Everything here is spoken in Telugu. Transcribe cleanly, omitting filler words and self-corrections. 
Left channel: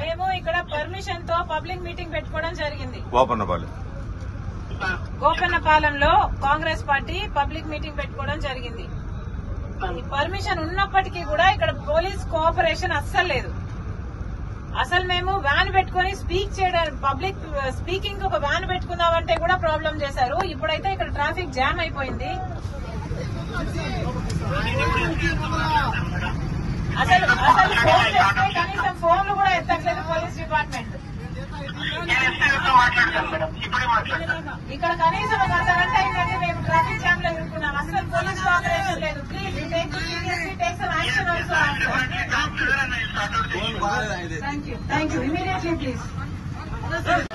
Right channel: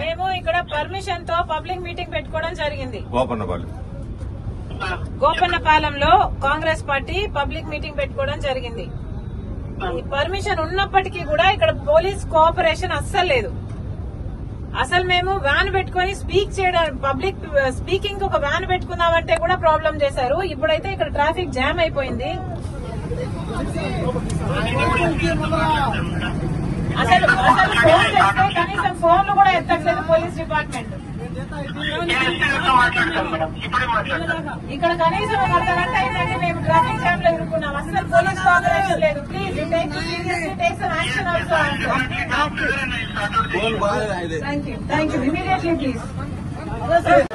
మేము ఇక్కడ పర్మిషన్ తో పబ్లిక్ మీటింగ్ పెట్టుకోవడం జరిగింది. గోపన్నపాలెంలో కాంగ్రెస్ పార్టీ పబ్లిక్ మీటింగ్ పెట్టుకోవడం జరిగింది. ఈ పర్మిషన్ ఉన్నప్పటికీ కూడా ఇక్కడ పోలీస్ కోఆపరేషన్ అస్సలు లేదు. అసలు మేము వ్యాన్ పెట్టుకుని స్పీక్ చేయడం, పబ్లిక్ స్పీకింగ్ ఒక వ్యాన్ పెట్టుకుందామంటే కూడా ప్రాబ్లం చేశారు. ఇప్పుడైతే ఇక్కడ ట్రాఫిక్ జామ్ అయిపోయింది. అసలు ఫోన్ చేస్తే కనీసం ఫోన్లు కూడా ఎత్తట్లేదు పోలీస్ డిపార్ట్మెంట్. ఇక్కడ కనీసం ఒక అర్ధగంట అయిందంటే మేము ట్రాఫిక్ జామ్ లో ఇరుక్కున్నాం. అసలు పోలీస్ కోఆపరేషన్ లేదు. Please take some action also. Thank you immediately please. నమస్కారం.